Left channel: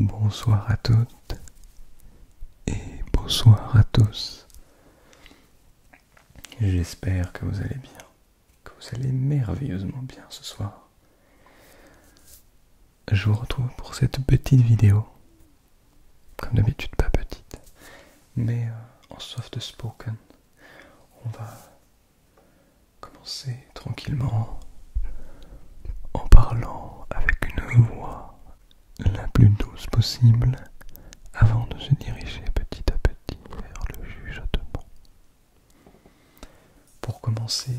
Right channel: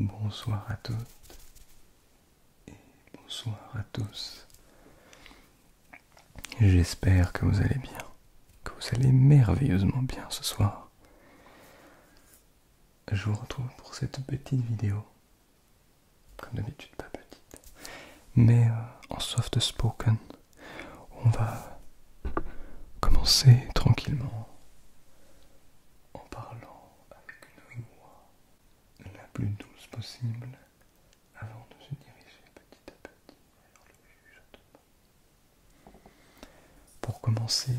Bonsoir à toutes et bonsoir à tous. J'espère que vous allez bien, que vous allez merveilleusement bien ce soir. Je vous retrouve pour cette petite vidéo, comme d'habitude pas petite, mais en soft spoken. On va commencer tranquillement en parlant avec une voix la plus douce possible avant de se diriger petit à petit vers le chuchotement. Pour commencer,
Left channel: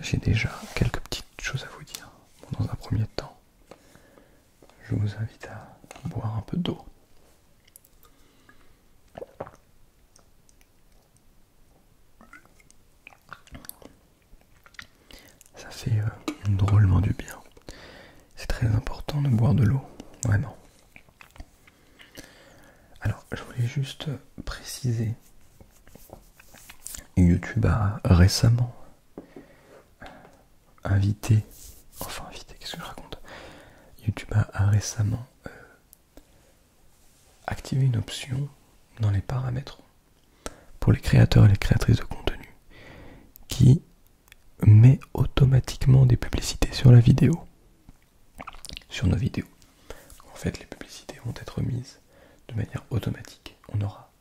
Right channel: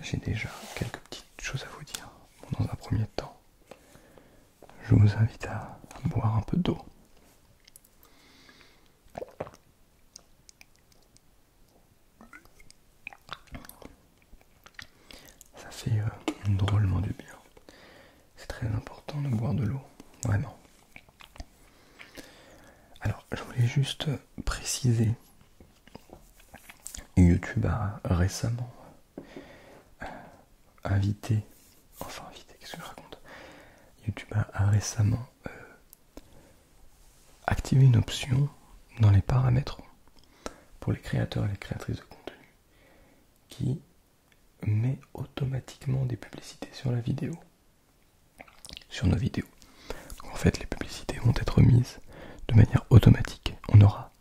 j'ai déjà quelques petites choses à vous dire. Bon, dans un premier temps, je vous invite à boire un peu d'eau. Ça fait drôlement du bien. C'est très important de boire de l'eau, vraiment. Alors, je voulais juste préciser, YouTube a récemment qu'est-ce que je raconte ? YouTube a récemment activé une option dans les paramètres pour les créateurs et les créatrices de contenu qui met automatiquement des publicités sur la vidéo, sur nos vidéos. En fait, les publicités vont être mises de manière automatique. On n'aura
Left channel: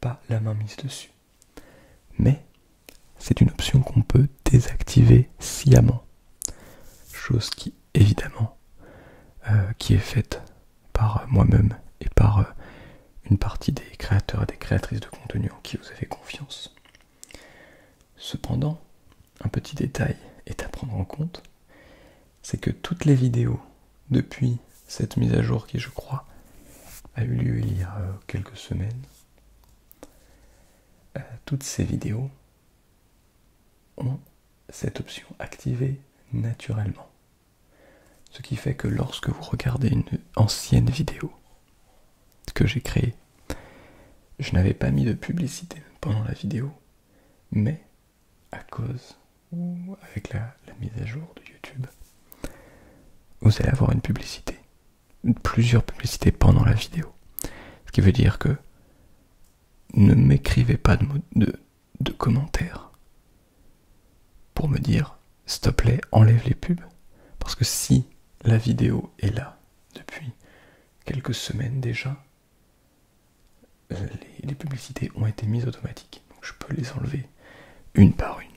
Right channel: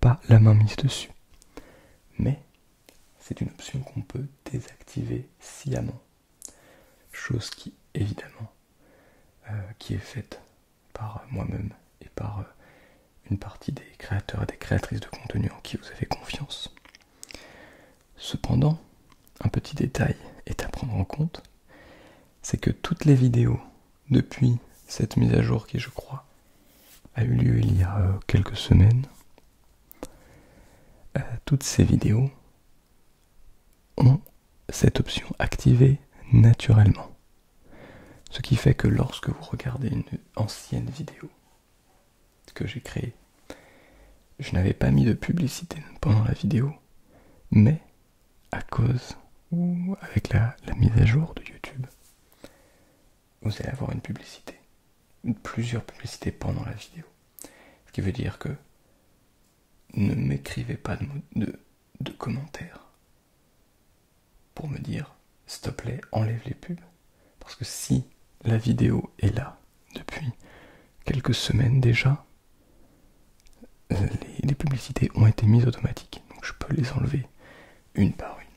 pas la main mise dessus. Mais c'est une option qu'on peut désactiver sciemment. Chose qui, évidemment, qui est faite par moi-même et par une partie des créateurs et des créatrices de contenu en qui vous avez confiance. Cependant, un petit détail est à prendre en compte, c'est que toutes les vidéos, depuis cette mise à jour qui, je crois, a eu lieu il y a quelques semaines, toutes ces vidéos ont cette option activée naturellement. Ce qui fait que lorsque vous regardez une ancienne vidéo que j'ai créée, je n'avais pas mis de publicité pendant la vidéo, mais à cause ou avec la mise à jour de YouTube, vous allez avoir une publicité, plusieurs publicités pendant la vidéo. Ce qui veut dire que ne m'écrivez pas de commentaires pour me dire s'il te plaît enlève les pubs, parce que si la vidéo est là depuis quelques semaines déjà, les publicités ont été mises automatiques, donc je peux les enlever une par une.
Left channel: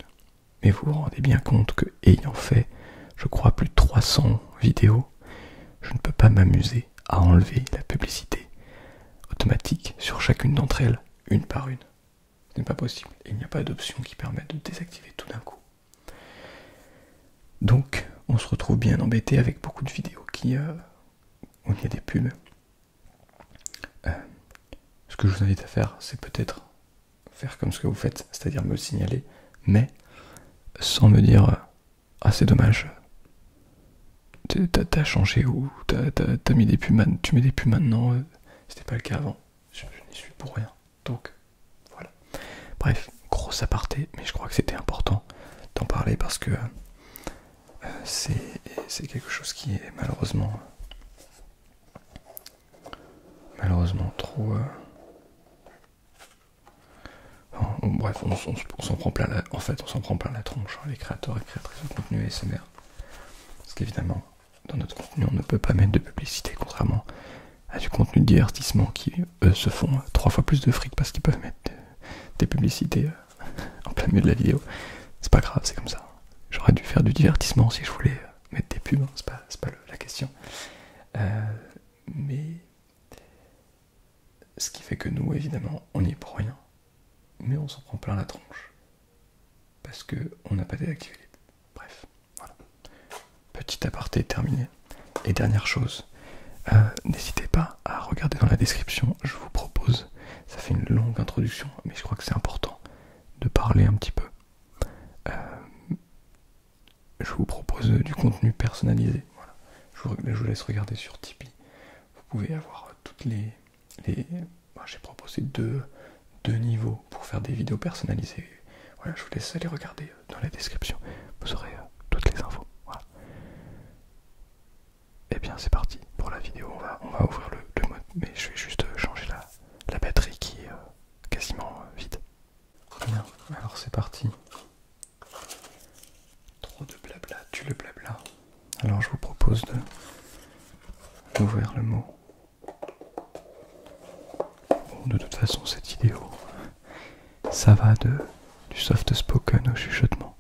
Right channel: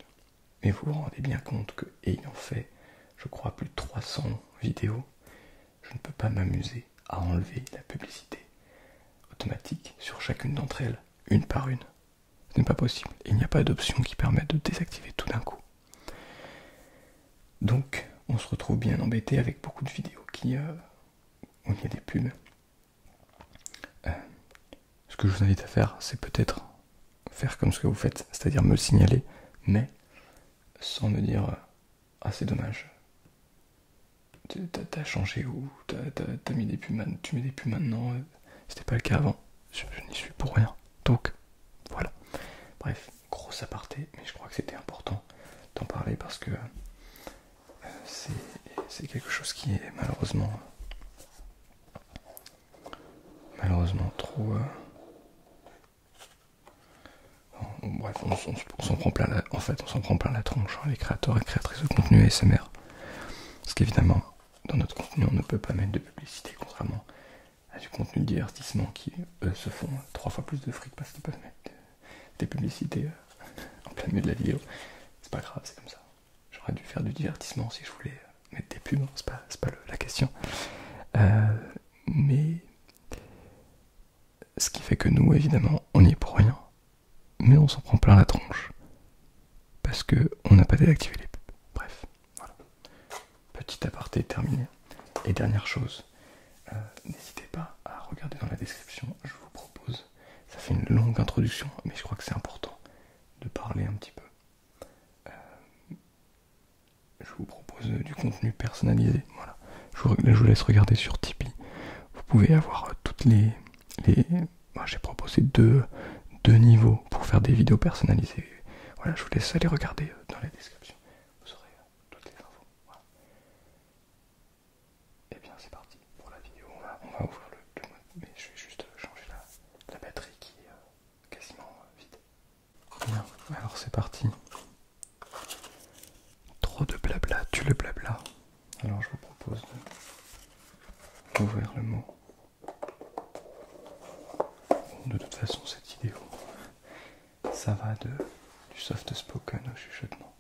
Mais vous vous rendez bien compte que, ayant fait, je crois, plus de 300 vidéos, je ne peux pas m'amuser à enlever la publicité automatique sur chacune d'entre elles, une par une. Ce n'est pas possible. Il n'y a pas d'option qui permette de désactiver tout d'un coup. Donc, on se retrouve bien embêté avec beaucoup de vidéos où il y a des pubs. Ce que je vous invite à faire, c'est peut-être faire comme ce que vous faites, c'est-à-dire me signaler, mais sans me dire « Ah, c'est dommage, t'as changé ou t'as mis des pubs, tu mets des pubs maintenant, c'était pas le cas avant, je n'y suis pour rien. » Donc, voilà. Bref, grosse aparté, mais je crois que c'était important d'en parler parce que c'est quelque chose qui est malheureusement trop... bref, on s'en prend plein on s'en prend plein la tronche, hein, les créateurs et créatrices de contenu ASMR. Parce qu'évidemment, dans notre contenu, on ne peut pas mettre de publicité, contrairement à du contenu de divertissement qui, eux, se font 3 fois plus de fric parce qu'ils peuvent mettre des publicités en plein milieu de la vidéo. C'est pas grave, c'est comme ça. J'aurais dû faire du divertissement si je voulais mettre des pubs, hein, c'est pas la question. Mais ce qui fait que nous, évidemment, on n'y est pour rien. Mais on s'en prend plein la tronche. Parce que on n'a pas désactivé les pubs. Bref, voilà. Petit aparté terminé. Et dernière chose, n'hésitez pas à regarder dans la description, je vous propose, ça fait une longue introduction, mais je crois que c'est important de parler un petit peu. Je vous propose du contenu personnalisé. Voilà. Je vous laisse regarder sur Tipeee. Vous pouvez avoir toutes les... Moi, j'ai proposé deux niveaux pour faire des vidéos personnalisées. Voilà, je vous laisse aller regarder dans la description. Vous aurez toutes les infos. Voilà. Et bien c'est parti pour la vidéo. On va ouvrir ouvrir le mot. Bon, de toute façon, cette vidéo, ça va du soft spoken au chuchotement.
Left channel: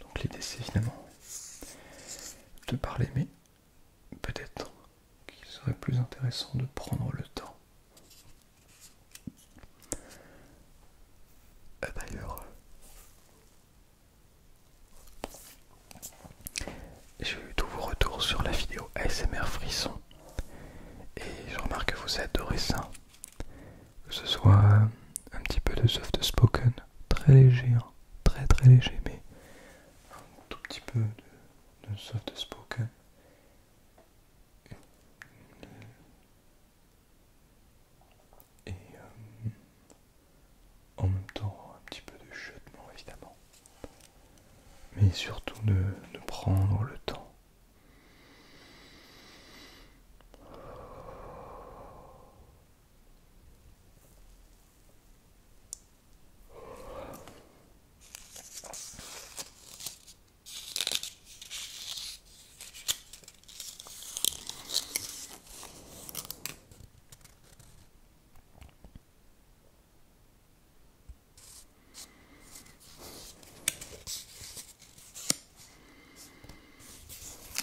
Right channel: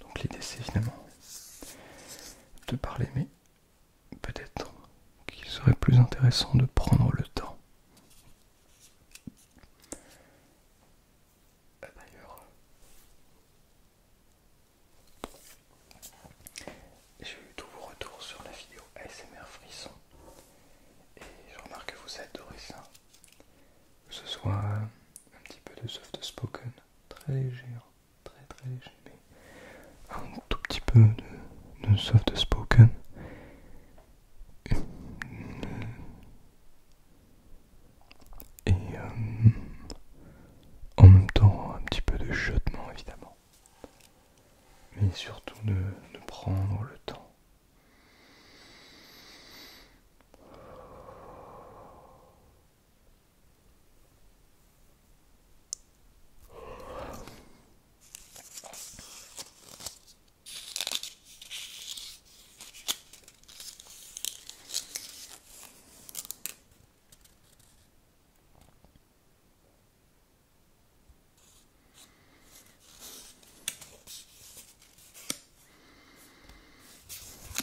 Donc l'idée c'est évidemment de parler, mais peut-être qu'il serait plus intéressant de prendre le temps. D'ailleurs, j'ai eu tous vos retours sur la vidéo ASMR Frisson et je remarque que vous adorez ça. Que ce soit un petit peu de soft spoken, très léger, hein, très très léger, mais un tout petit peu de soft spoken. Et en même temps un petit peu de chuchotement évidemment. Mais surtout de prendre le temps.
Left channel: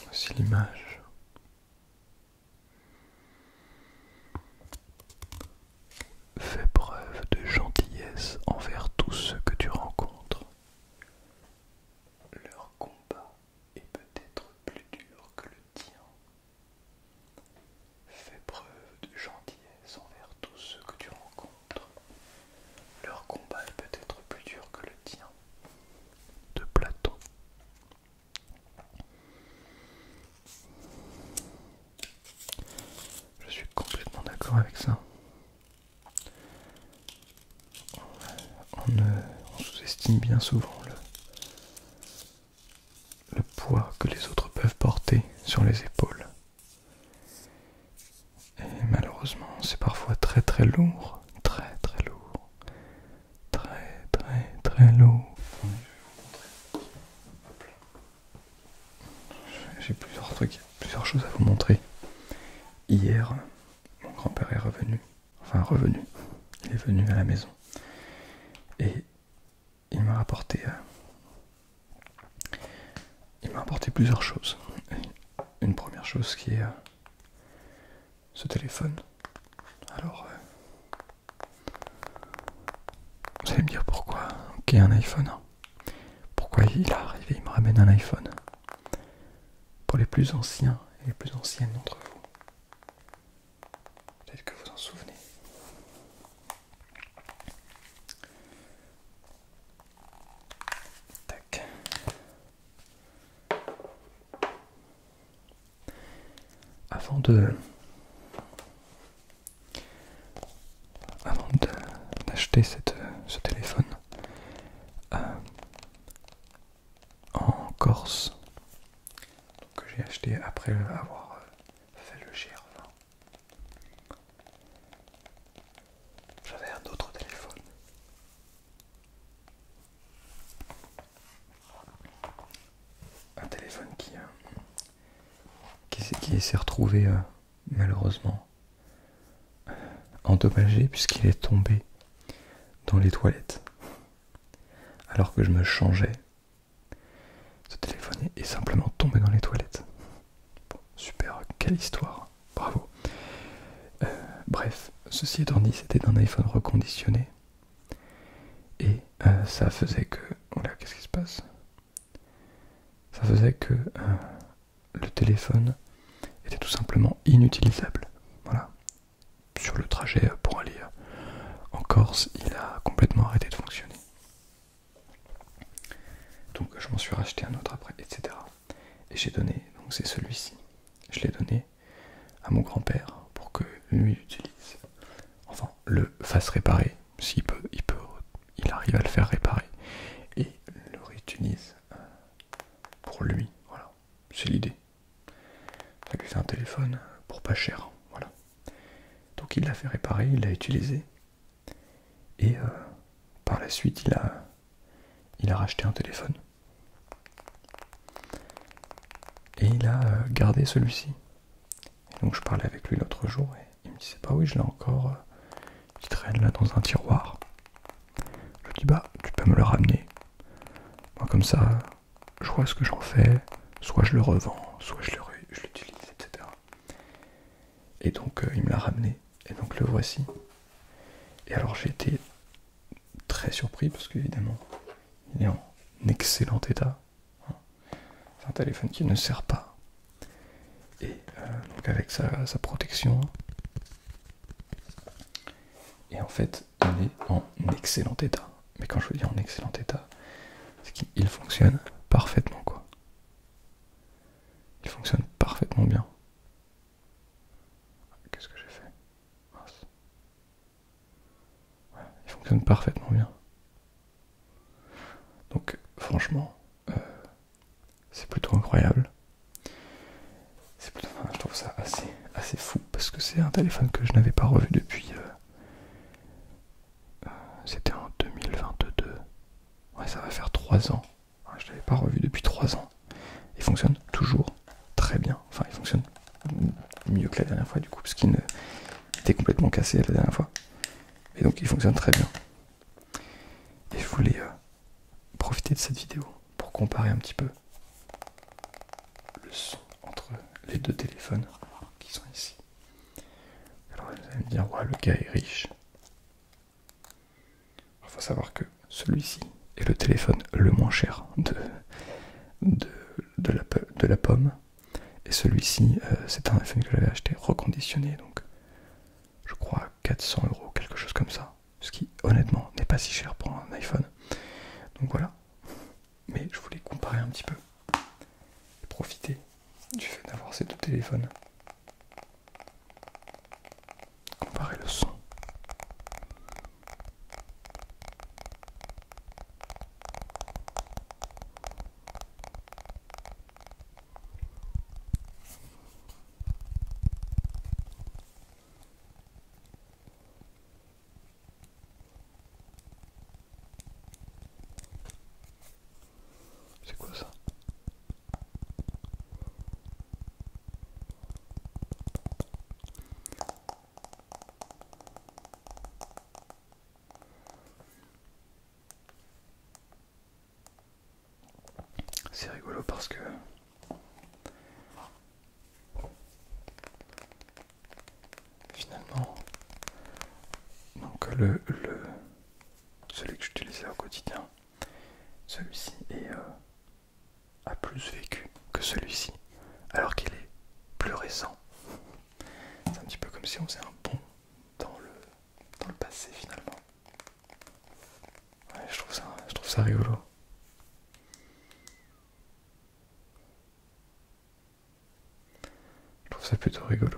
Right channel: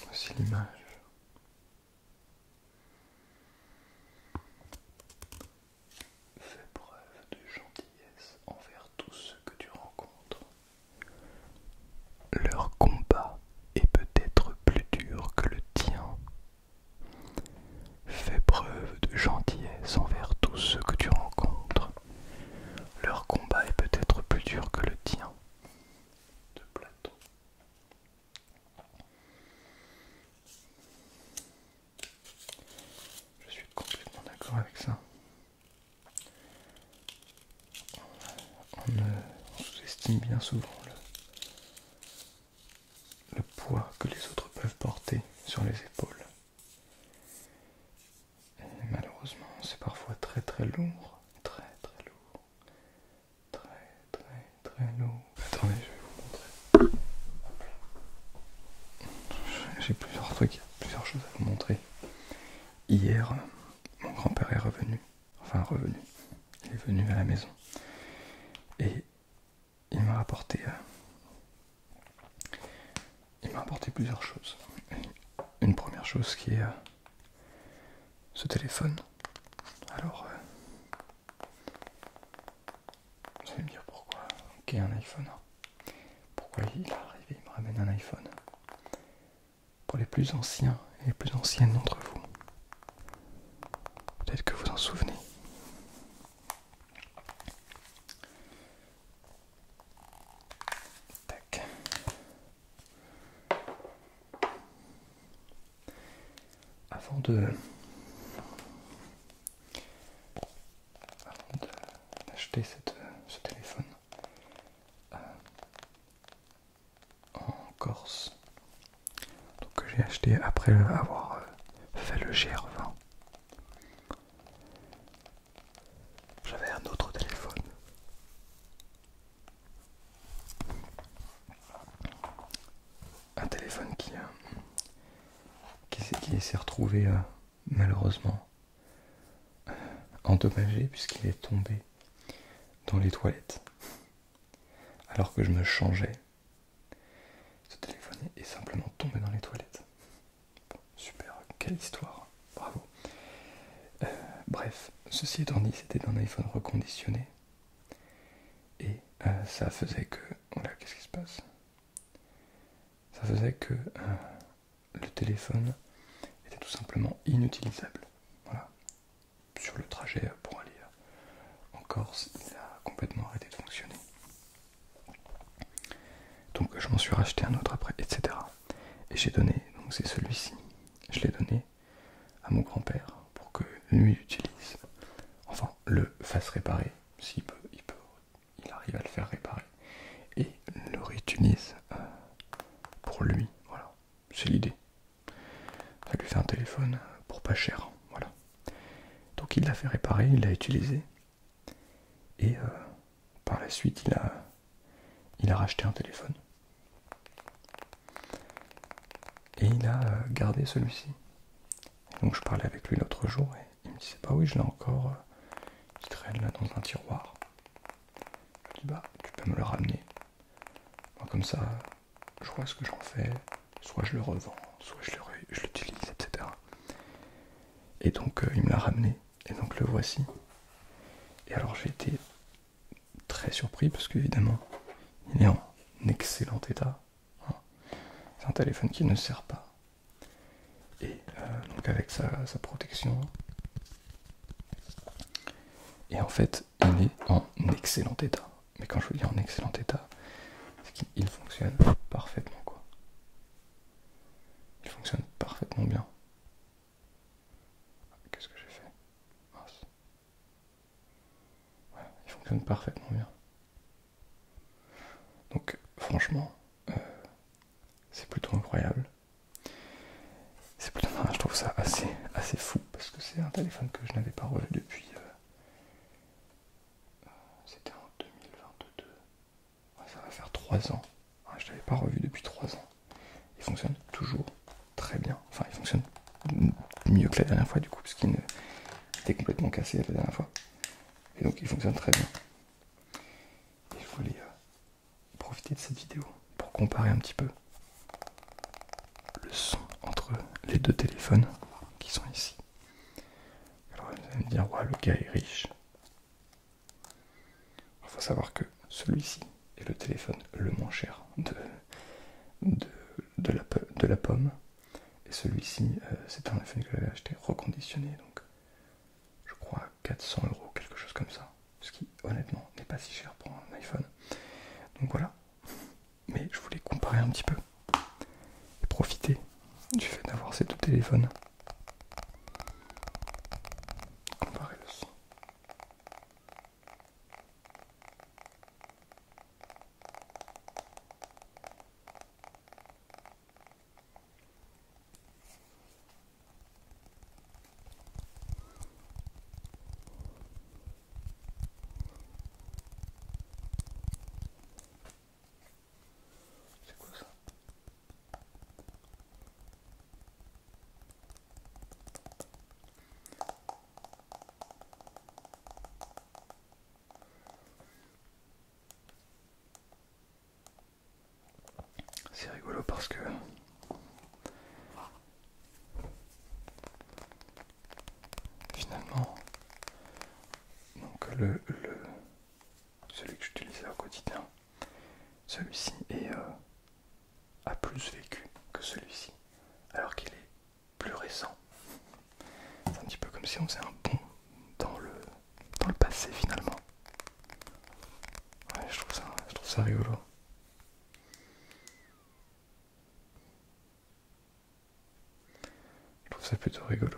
Voici l'image. Fais preuve de gentillesse envers tous ceux que tu rencontres. Leur combat est peut-être plus dur que le tien. Fais preuve de gentillesse envers tous ceux que tu rencontres. Leur combat est peut-être plus dur que le tien. De Platon. Je suis complètement d'accord avec ça. On sous-estime bien souvent le poids que les autres peuvent porter sur les épaules. Et malheureusement, c'est parfois très très lourd. Très très lourd. Très très très lourd. Attendez, je vais vous montrer. Hop là. J'ai plusieurs choses à vous montrer. Hier, mon grand-père est revenu. Enfin revenu. Il est venu à la maison. Et il m'a apporté plusieurs choses. Une première chose qui est ce téléphone. Alors, vous allez me dire pourquoi ok, un iPhone. Pourquoi il est arrivé, il me ramène un iPhone. Pour les plus anciens et les plus anciennes d'entre vous, peut-être que vous en souvenez. Tac. Avant d'acheter ce téléphone en Corse, donc que j'ai acheté après avoir fait le GR20, j'avais un autre téléphone. Un téléphone qui s'est retrouvé malheureusement endommagé puisqu'il est tombé dans les toilettes alors que je me changeais. Ce téléphone est simplement tombé dans les toilettes. Bon, super, quelle histoire, bravo. Bref, ceci étant dit, c'était un iPhone reconditionné et ça faisait que... Voilà, qu'est-ce qui se passe? Ça faisait que le téléphone était tout simplement inutilisable. Voilà. Sur le trajet pour aller en Corse, il a complètement arrêté de fonctionner. Donc je m'en suis racheté un autre après, etc. Et j'ai donné, donc c'est celui-ci, je l'ai donné à mon grand-père pour que lui l'utilise. Enfin, le fasse réparer, s'il peut, il arrive à le faire réparer. Et le réutilise pour lui, voilà, c'est l'idée. Ça lui fait un téléphone pour pas cher, voilà. Donc il l'a fait réparer, il l'a utilisé. Et par la suite, il a racheté un téléphone. Et il a gardé celui-ci. Donc je parlais avec lui l'autre jour et il me disait bah oui je l'ai encore, qui traîne là dans un tiroir. Je lui dis bah tu peux me le ramener. Moi, comme ça je vois ce que j'en fais, soit je le revends, soit je l'utilise, etc. Et donc il me l'a ramené et donc le voici. Et alors j'ai été très surpris parce qu'évidemment il est en excellent état. C'est un téléphone qui ne sert pas. Et donc avec sa protection. Et en fait, il est en excellent état. Mais quand je vous dis en excellent état, c'est qu'il fonctionne parfaitement, quoi. Il fonctionne parfaitement bien. Qu'est-ce que j'ai fait? Mince. Ouais, il fonctionne parfaitement bien. Donc franchement, c'est plutôt incroyable. Je trouve ça assez fou parce que c'est un téléphone que je n'avais pas revu depuis. C'était en 2022. Ouais, ça va faire 3 ans. Ouais, je ne l'avais pas revu depuis 3 ans. Il fonctionne toujours très bien. Enfin, il fonctionne mieux que la dernière fois du coup, parce qu'il était complètement cassé la dernière fois. Et donc il fonctionne très bien. Et je voulais profiter de cette vidéo pour comparer un petit peu le son entre les deux téléphones qui sont ici. Alors vous allez me dire, ouais, le gars est riche. Il faut savoir que celui-ci est le téléphone le moins cher de la pomme. Et celui-ci, c'est un iPhone que j'avais acheté reconditionné, donc je crois 400 €, quelque chose comme ça. Ce qui, honnêtement, n'est pas si cher pour un iPhone. Donc voilà. Mais je voulais comparer un petit peu et profiter du fait d'avoir ces deux téléphones. Comparer le son. C'est quoi ça? C'est rigolo parce que finalement, donc celui que j'utilisais au quotidien, celui-ci a plus vécu que celui-ci, alors qu'il est plus récent. C'est un petit peu comme si on faisait un bond dans le passé finalement. Ouais, je trouve ça rigolo. Je trouve ça plutôt rigolo.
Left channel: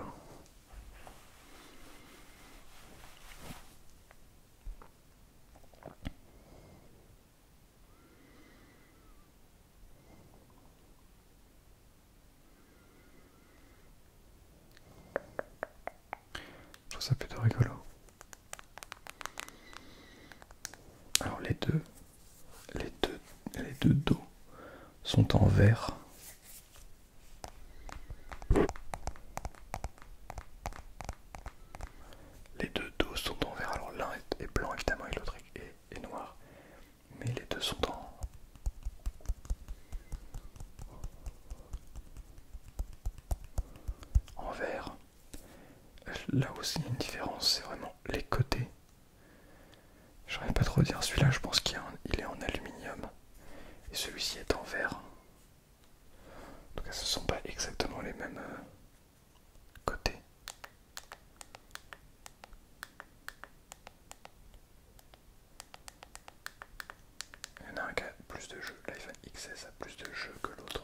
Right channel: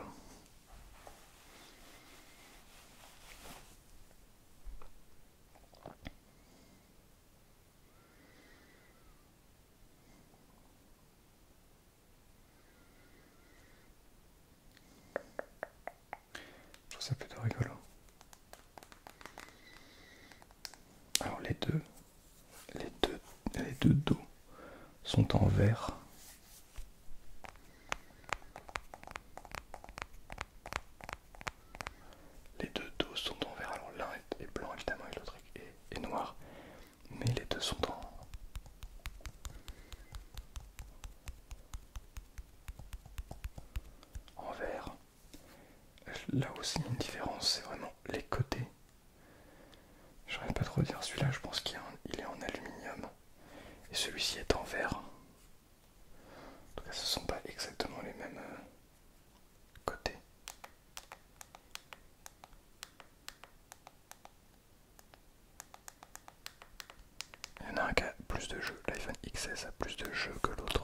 Je trouve ça plutôt rigolo. Alors les deux dos sont en vert. Les deux dos sont en vert. Alors l'un est blanc évidemment et l'autre est noir. Mais les deux sont en vert. Là aussi une différence, c'est vraiment les côtés. Je saurais pas trop dire, celui-là je pense qu'il est en aluminium. Et celui-ci est en verre. En tout cas ce ne sont pas exactement les mêmes côtés. Il y en a un qui a plus de jeux, l'iPhone XS a plus de jeux que l'autre.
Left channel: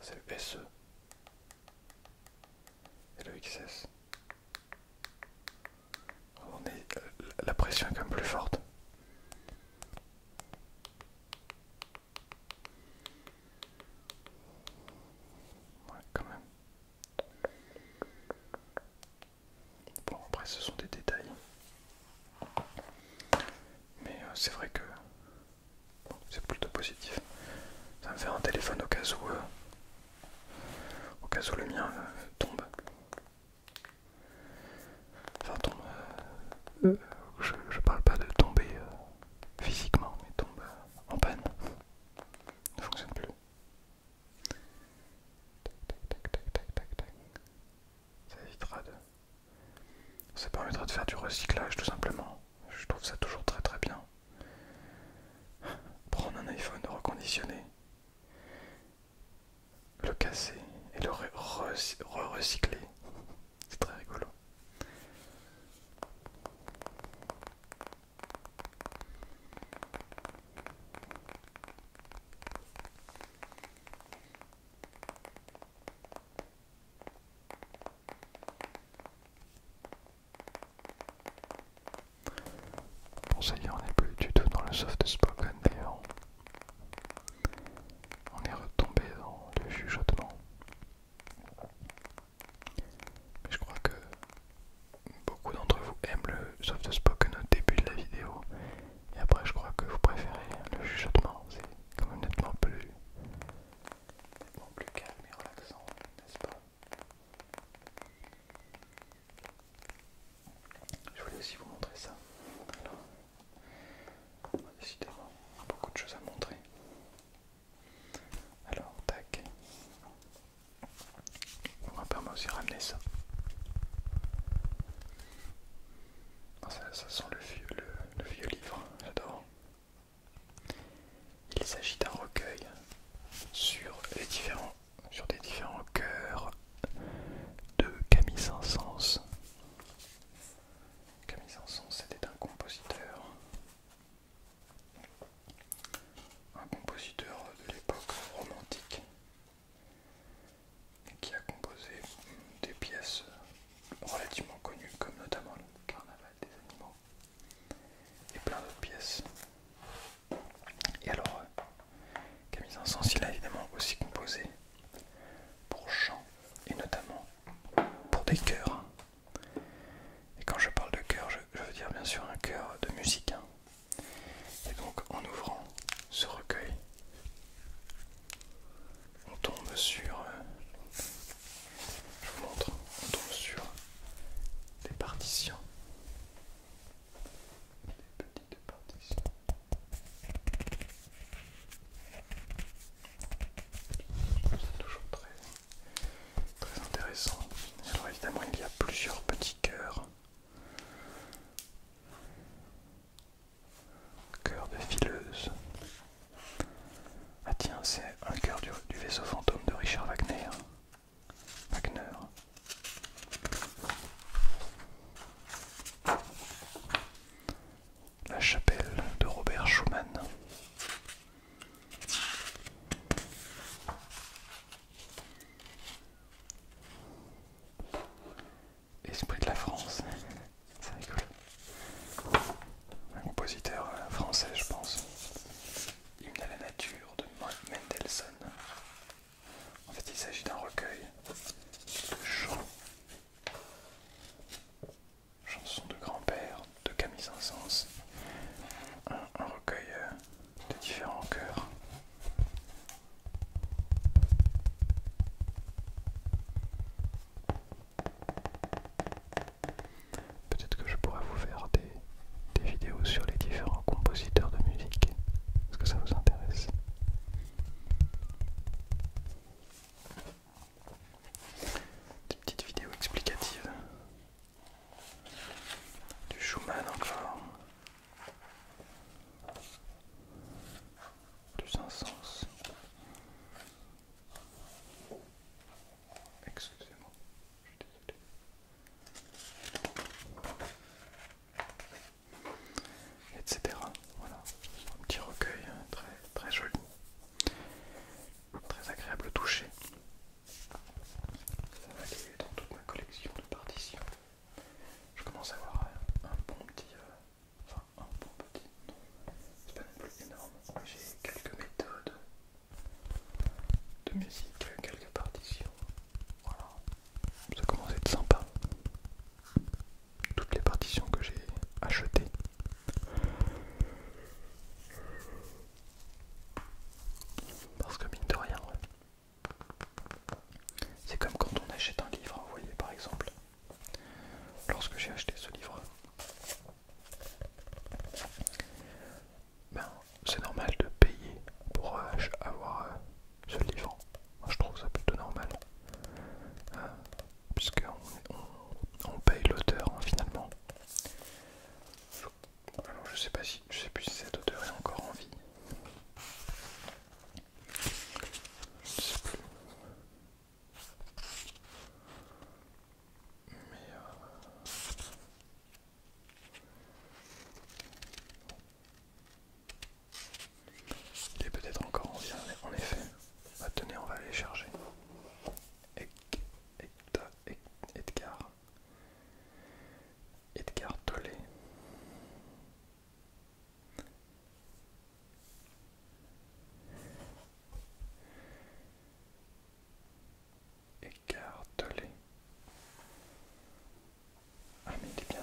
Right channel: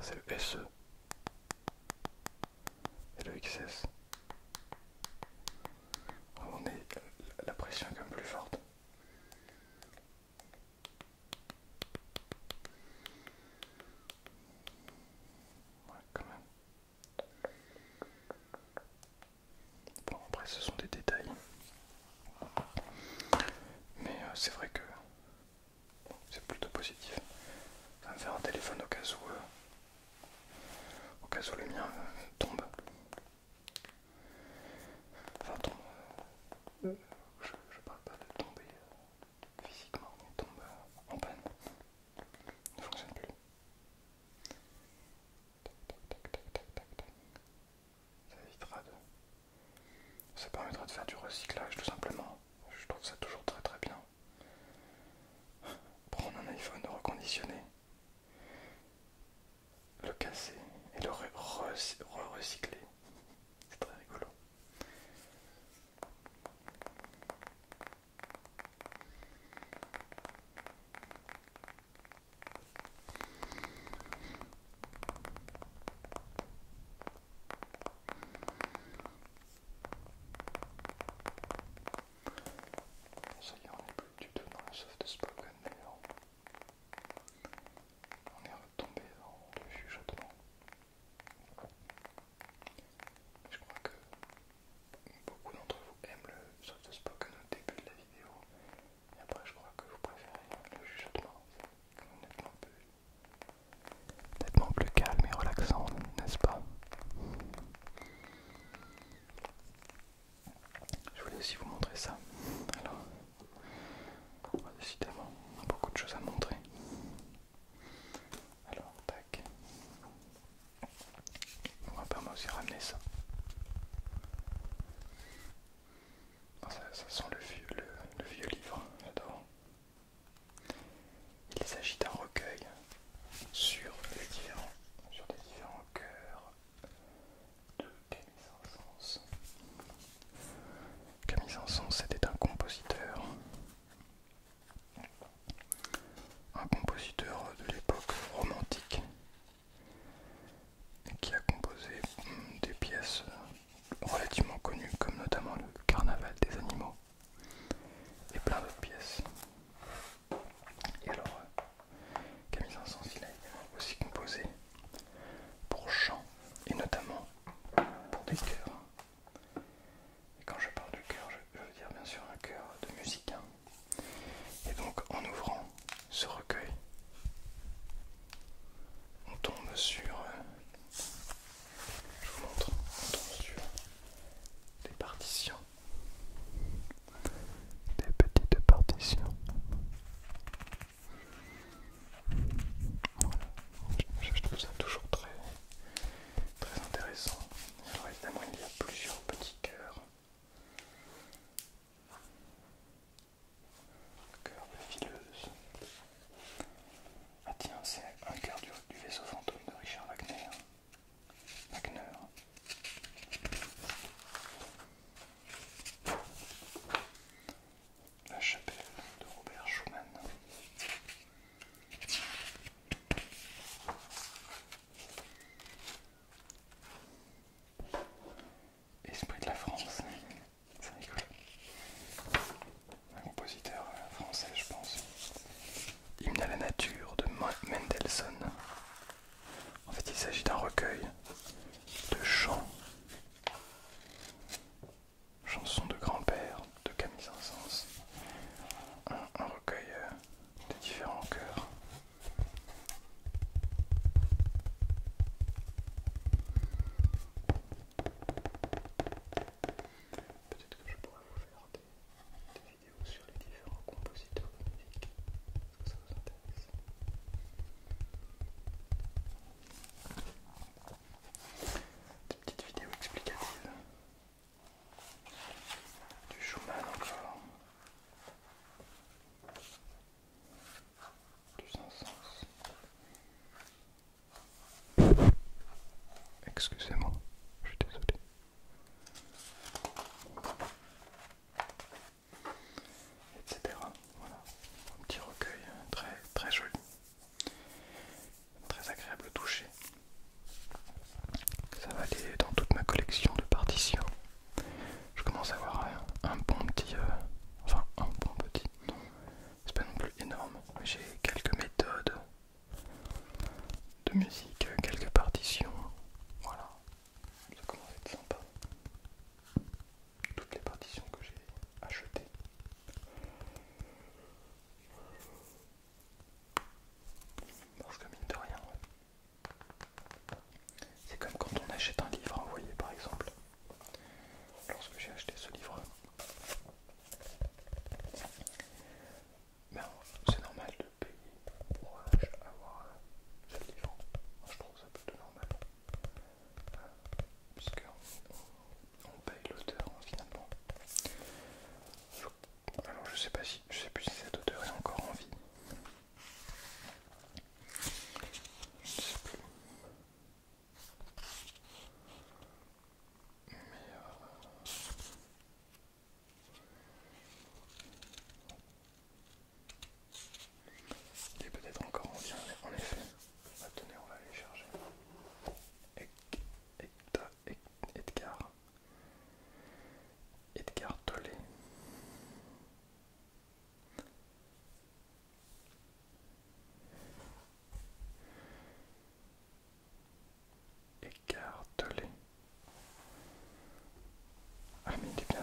C'est le SE et le XS. La pression est quand même plus forte. Ouais, quand même. Bon, après ce sont des détails. Mais c'est vrai que c'est plutôt positif. Ça me fait un téléphone au cas où le mien tombe. Ça permettra de faire du recyclage tout simplement. Je trouve ça toujours très très bien. Prendre un iPhone reconditionné, le casser et le recycler. C'est très rigolo. Bon, ça y est, on n'est plus du tout dans le soft spoken d'ailleurs. On est retombé dans le chuchotement. Mais je crois que beaucoup d'entre vous aiment le soft spoken au début de la vidéo. Et après, je crois que vous préférez le chuchotement. C'est quand même nettement plus calme et relaxant, n'est-ce pas? Je voulais aussi vous montrer ça. Alors, décidément, beaucoup de choses à montrer. Alors, tac. On va pas aussi ramener ça. Ça sent le vieux livre, j'adore. Il s'agit d'un recueil sur des différents chœurs de Camille Saint-Saëns. Camille Saint-Saëns c'était un compositeur de l'époque romantique et qui a composé des pièces relativement connues comme notamment le Carnaval des animaux et plein d'autres pièces. Et alors Camille Saint-Saëns il a évidemment aussi composé pour chant et notamment pour des chœurs. Et quand je parle de chœur, je veux dire bien sûr un chœur de musiciens. Et donc en ouvrant ce recueil, on tombe sur, je vous montre, on tombe sur des partitions, des petites partitions. Je trouve ça toujours très intéressant. Alors évidemment il y a plusieurs petits chœurs. Chœur de fileuse. Ah tiens, c'est un chœur du vaisseau fantôme de Richard Wagner.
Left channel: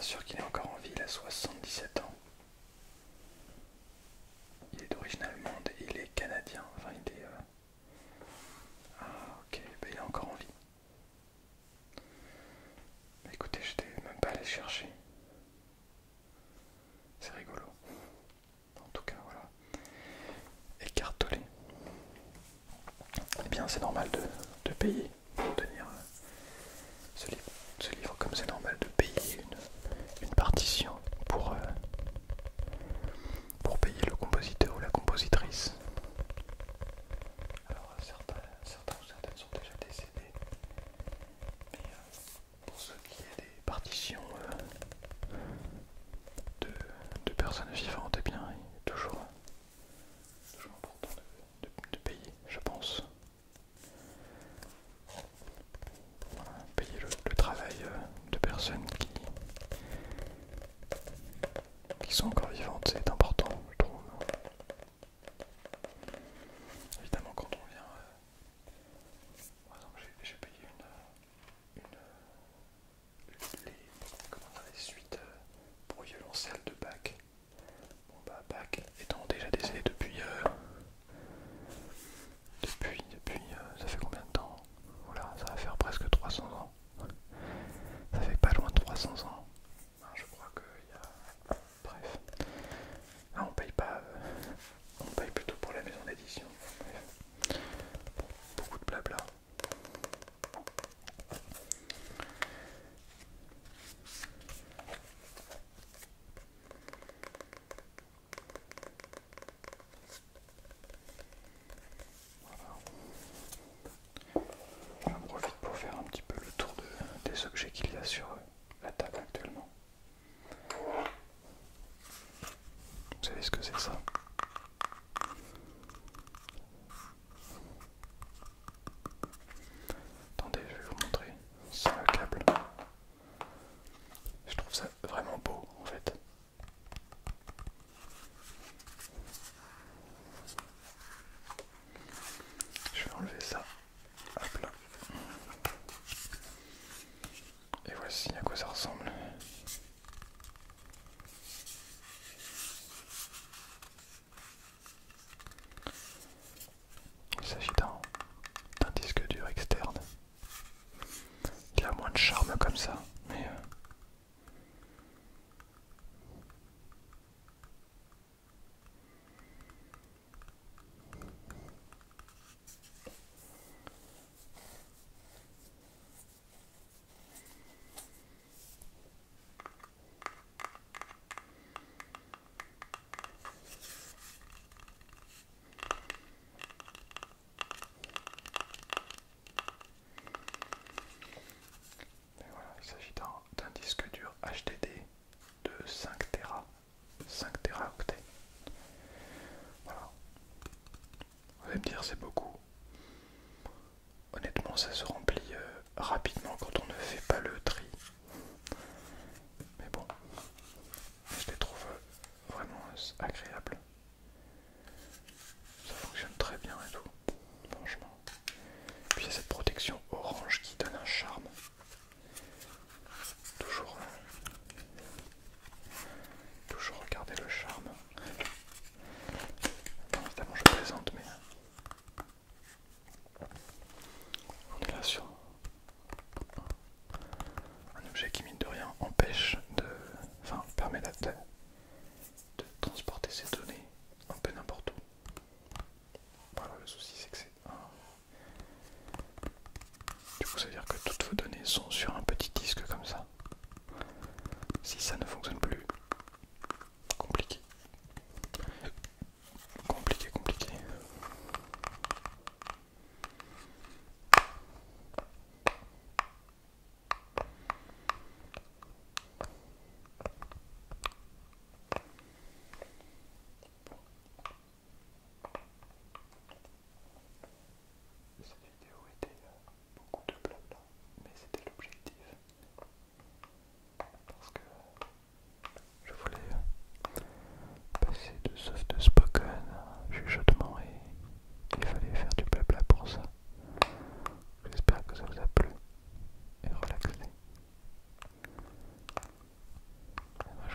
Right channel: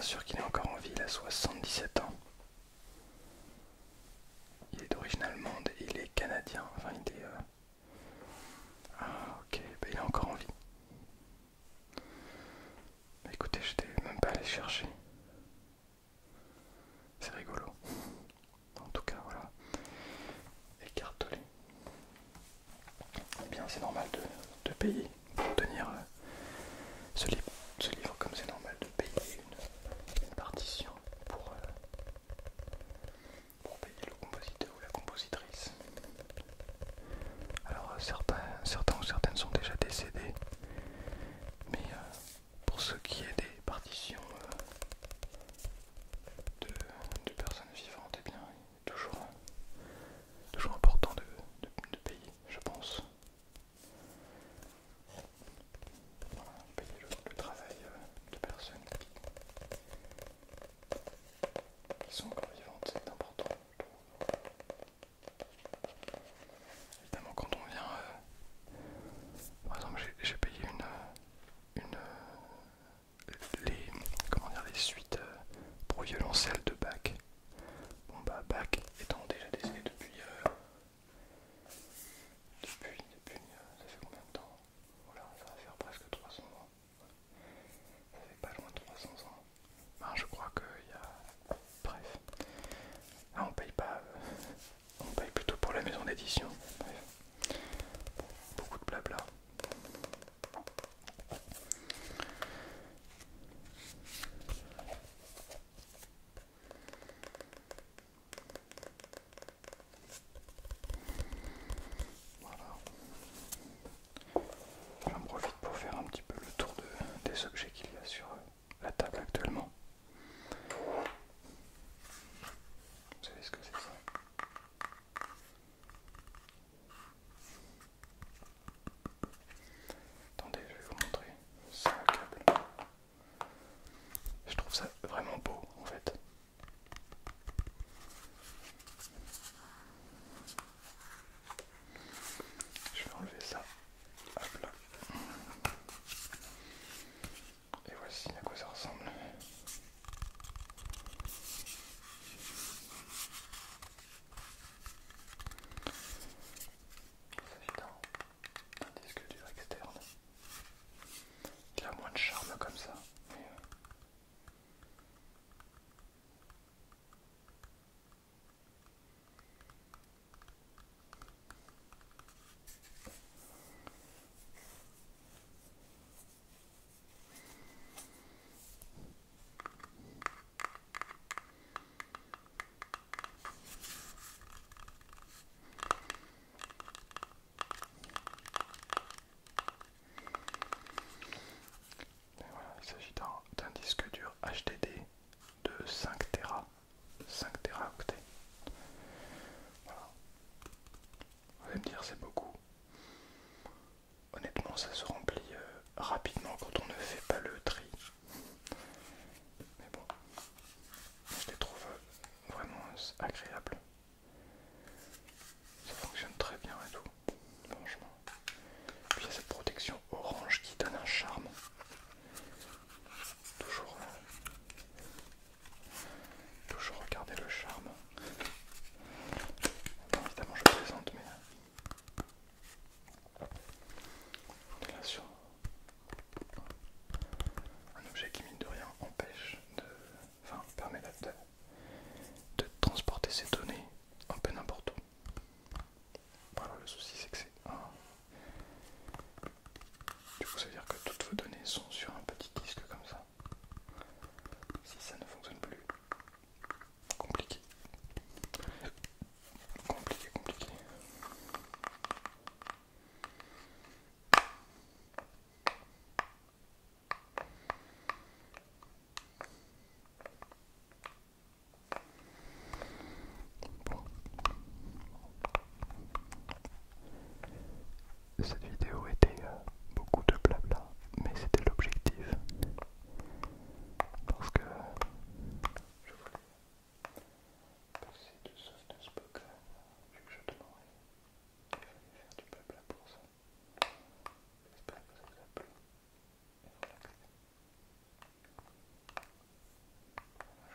sûr qu'il est encore en vie, il a 77 ans. Il est d'origine allemande et il est canadien. Enfin, il est... Ah, ok, ben, il est encore en vie. Bah, écoutez, je n'étais même pas allé chercher. C'est rigolo. En tout cas, voilà. Écartolé. Eh bien, c'est normal de payer pour obtenir ce livre, comme c'est normal de payer une partition pour payer le compositeur ou la compositrice. Alors certains ou certaines sont déjà décédés, mais pour ce qui est des partitions de personnes vivantes, eh bien, il est toujours important de payer, je pense. Payer le travail de personnes qui sont encore vivantes, c'est important, je trouve. Évidemment, quand on vient, par exemple, j'ai payé les suites pour violoncelle de Bach. Bon bah Bach étant déjà décédé depuis ça fait combien de temps? Voilà, ça va faire presque 300 ans. Ça fait pas loin de 300 ans. Ben, je crois qu'il y a... Bref. Ah, on paye pas... on paye plutôt pour la maison d'édition. Bref. Beaucoup de blabla. Voilà. J'en profite pour faire un petit peu le tour des objets qu'il y a sur la table actuellement. Vous savez ce que c'est ça? Attendez, je vais vous montrer sans le câble. Je trouve ça vraiment beau en fait. Je vais enlever ça. Hop là. Et voici à quoi ça ressemble. Il s'agit d'un disque dur externe. Il a moins de charme comme ça, mais voilà, il s'agit d'un disque dur HDD de 5 Tera, 5 Teraoctets. Voilà. Vous allez me dire c'est beaucoup. Honnêtement, ça se remplit rapidement quand on ne fait pas le tri. Mais bon, je les trouve vraiment agréables. Ça fonctionne très bien et tout, franchement. Puis il y a cette protection orange qui donne un charme. Toujours regarder le charme. Non, évidemment je plaisante, mais on est là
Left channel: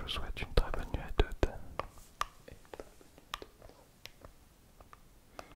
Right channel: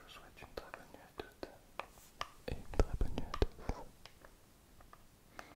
souhaite une